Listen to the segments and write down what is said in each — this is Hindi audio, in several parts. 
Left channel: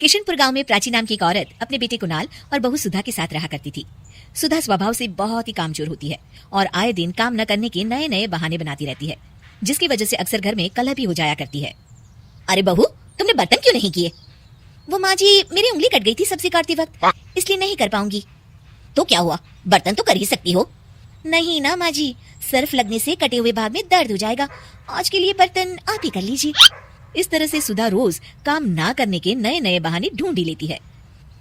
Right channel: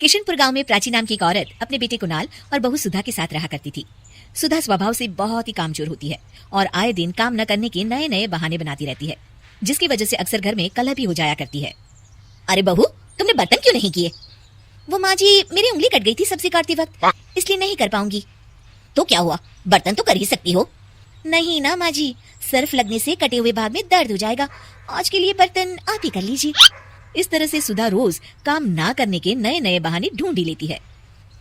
किशनपुर गांव में प्राची नाम की एक औरत अपने बेटे कुणाल और बहू सुधा के साथ रहा करती थी। सुधा स्वभाव से बहुत ही कामचोर होती है और आए दिन काम न करने के नए नए बहाने बनाती रहती है, जिसकी वजह से अक्सर घर में कलह भी हो जाया करती है। अरे बहू, तुमने बर्तन क्यों नहीं किए? वो माँ जी, मेरी उंगली कट गई थी सब्जी काटते वक्त, इसलिए नहीं कर पाऊंगी। तो क्या हुआ, बर्तन तो कर ही सकती हो। नहीं ना माँ जी, सर्फ लगने से कटे हुए भाग में दर्द हो जाएगा। आज के लिए बर्तन आप ही कर लीजिए। इस तरह से सुधा रोज काम ना करने के नए नए बहाने ढूंढ ही लेती है।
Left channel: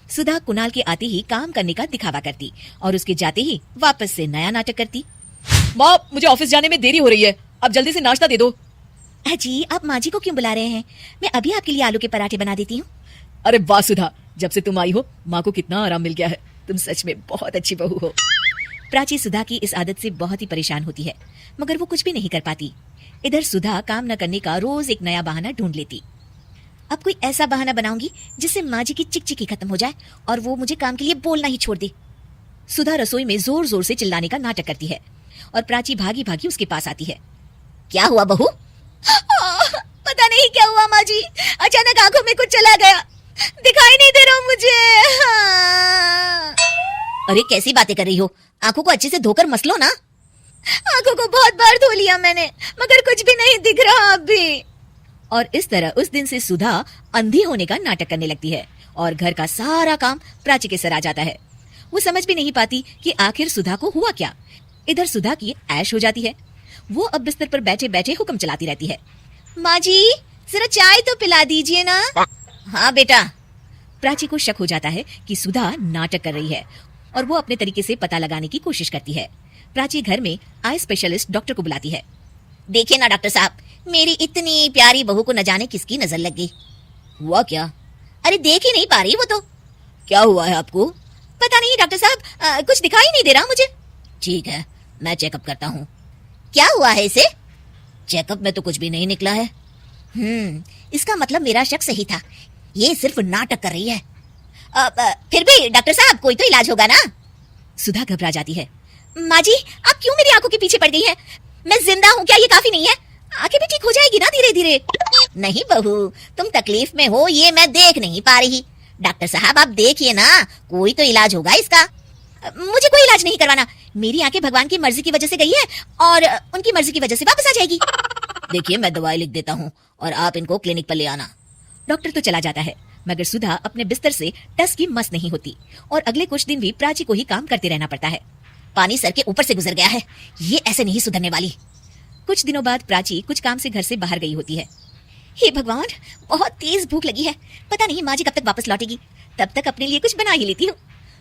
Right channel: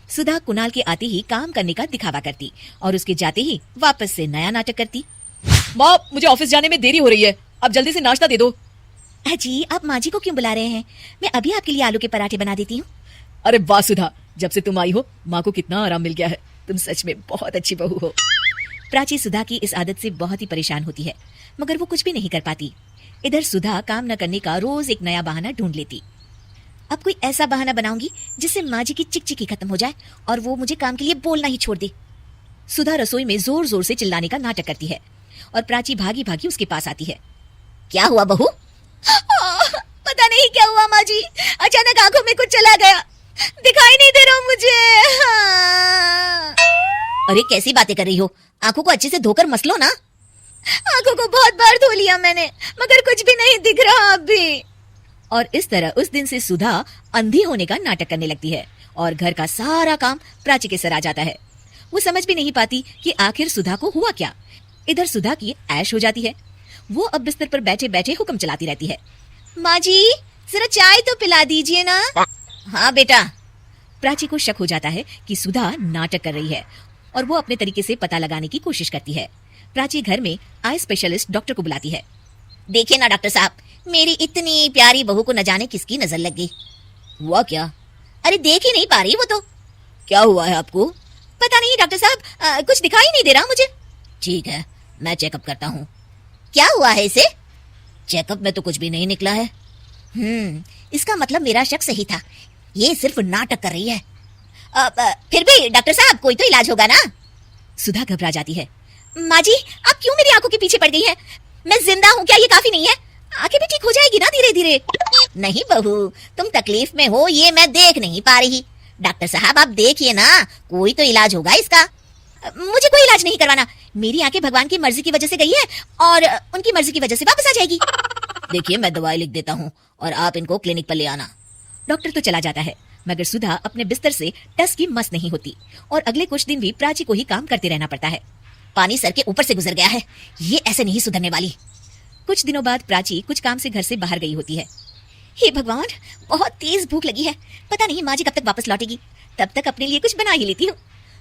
सुधा कुणाल के आते ही काम करने का दिखावा करती और उसके जाते ही वापस से नया नाटक करती। माँ, मुझे ऑफिस जाने में देरी हो रही है, आप जल्दी से नाश्ता दे दो। जी, आप माँ जी को क्यों बुला रहे हैं? मैं अभी आपके लिए आलू के पराठे बना देती हूँ। अरे वाह सुधा, जब से तुम आई हो माँ को कितना आराम मिल गया है। तुम सच में बहुत अच्छी बहू हो। प्राची सुधा की इस आदत से बहुत ही परेशान होती है, मगर वो कुछ भी नहीं कर पाती। इधर सुधा काम न करने का रोज एक नया बहाना ढूंढ लेती। अब कोई ऐसा बहाना बनाऊंगी जिससे माँ जी की चिकचिकी खत्म हो जाए और वो मुझे काम के लिए बोलना ही छोड़ दे। सुधा रसोई में जोर जोर से चिल्लाने का नाटक करती है और प्राची भागी भागी उसके पास आती है। क्या हुआ बहू? पता नहीं क्या हुआ माँ जी, अचानक आंखों में कुछ चला गया, दिखाई नहीं दे रहा मुझे। अरे कैसी बातें कर रही हो? आंखों को अच्छे से धोकर मस लो ना। आंखों को बहुत बार धो लिया मैंने, मगर कुछ भी नहीं दिख रहा अब भी। और इस तरह उस दिन से सुधा अंधी होने का नाटक करने लगती है और घर का सारा काम प्राची के सर आ जाता है। वो समझ भी नहीं पाती कि आखिर सुधा को हुआ क्या। इधर सुधा की ऐश हो जाती है। वो अब बिस्तर पर बैठे बैठे हुक्म चलाती रहती है। माँ जी, जरा चाय तो पिला दीजिए ना। हाँ बेटा। प्राची को शक हो जाता है कि सुधा नाटक कर रही है और वो अपने तरीके से पता लगाने की कोशिश करती है। प्राची घर में आई स्पेशलिस्ट डॉक्टर को बुलाती है। देखिए ना डॉक्टर साहब, मेरी इतनी प्यारी बहू को न जाने किसकी नजर लग गई। हुआ क्या? अरे देख ही नहीं पा रही वो तो। क्या हुआ है आपको? पता नहीं डॉक्टर साहब, कुछ दिखाई नहीं दे रहा मुझे। ठीक है, मैं चेकअप करता हूँ। क्या हुआ है इसे? चेकअप में तो कुछ भी नहीं निकला है। इसका मतलब मेरा शक सही था, ये सिर्फ नाटक कर रही है। फिर भी डॉक्टर साहब, कोई तो इलाज होगा ना। सुधा घबरा जाती है। माँ जी, आप क्यों मेरी आंखों के पीछे पड़ गई हैं? मैं जिंदा हूँ, क्या ये काफी नहीं है? आंखें भी ठीक हो जाएगी ना धीरे धीरे। नहीं बहू, तुम तकलीफ में हो ये मैं देख नहीं पा रही। डॉक्टर साहब आप देखिए ना, कोई तो इलाज होगा इसका। मुझे कोई इलाज नहीं करवाना, मेरी आंखें भगवान की मर्जी की वजह से गई है और उनकी मर्जी की वजह से वापस आ जाएगी। देखिए, मैं दवाई लिख देता हूँ और आप इनको क्लिनिक पर ले आना। डॉक्टर तो चला जाता है, मगर सुधा अपने बिस्तर से टस की मस नहीं होती और अगले कुछ दिन भी प्राची को ही काम करते रहना पड़ता है। पानी सर के ऊपर से गुजर गया है, ये ऐसे नहीं सुधरने वाली। कुछ दिनों बाद प्राची कुछ काम से घर से बाहर गई होती है। हे भगवान, बहुत तेज भूख लगी है, पता नहीं माँ जी कब तक वापस लौटेगी। तब तक अपने लिए कुछ बना ही लेती हूँ।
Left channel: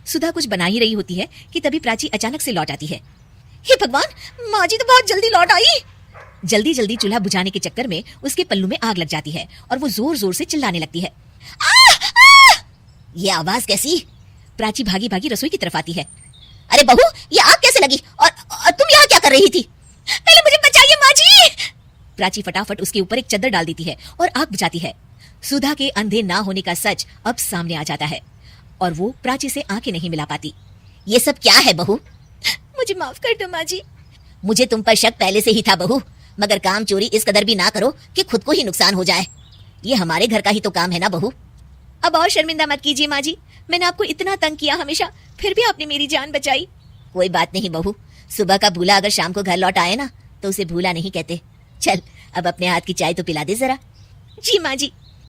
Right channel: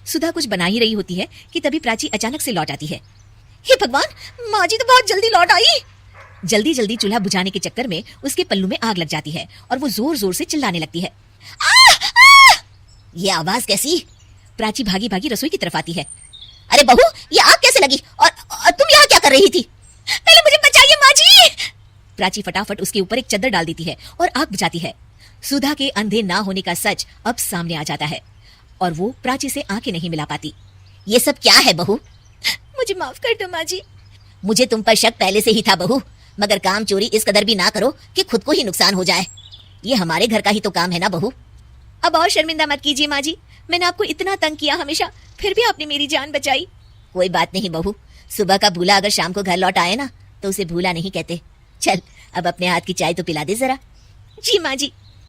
सुधा कुछ बना ही रही होती है कि तभी प्राची अचानक से लौट आती है। हे भगवान, माँ जी तो बहुत जल्दी लौट आई। जल्दी जल्दी चूल्हा बुझाने के चक्कर में उसके पल्लू में आग लग जाती है और वो जोर जोर से चिल्लाने लगती है। ये आवाज कैसी? प्राची भागी भागी रसोई की तरफ आती है। अरे बहू, ये आग कैसे लगी और तुम यहाँ क्या कर रही थी? पहले मुझे बचाइए माँ जी। प्राची फटाफट उसके ऊपर एक चादर डाल देती है और आग बुझाती है। सुधा के अंधे ना होने का सच अब सामने आ जाता है और वो प्राची से आंखें नहीं मिला पाती। ये सब क्या है बहू? मुझे माफ कर दो माँ जी। मुझे तुम पर शक पहले से ही था बहू, मगर काम चोरी इस कदर भी ना करो कि खुद को ही नुकसान हो जाए। ये हमारे घर का ही तो काम है ना बहू। अब और शर्मिंदा मत कीजिए माँ जी, मैंने आपको इतना तंग किया हमेशा, फिर भी आपने मेरी जान बचाई। कोई बात नहीं बहू, सुबह का भूला अगर शाम को घर लौट आए ना तो उसे भूला नहीं कहते। चल अब अपने हाथ की चाय तो पिला दे जरा। जी माँ जी।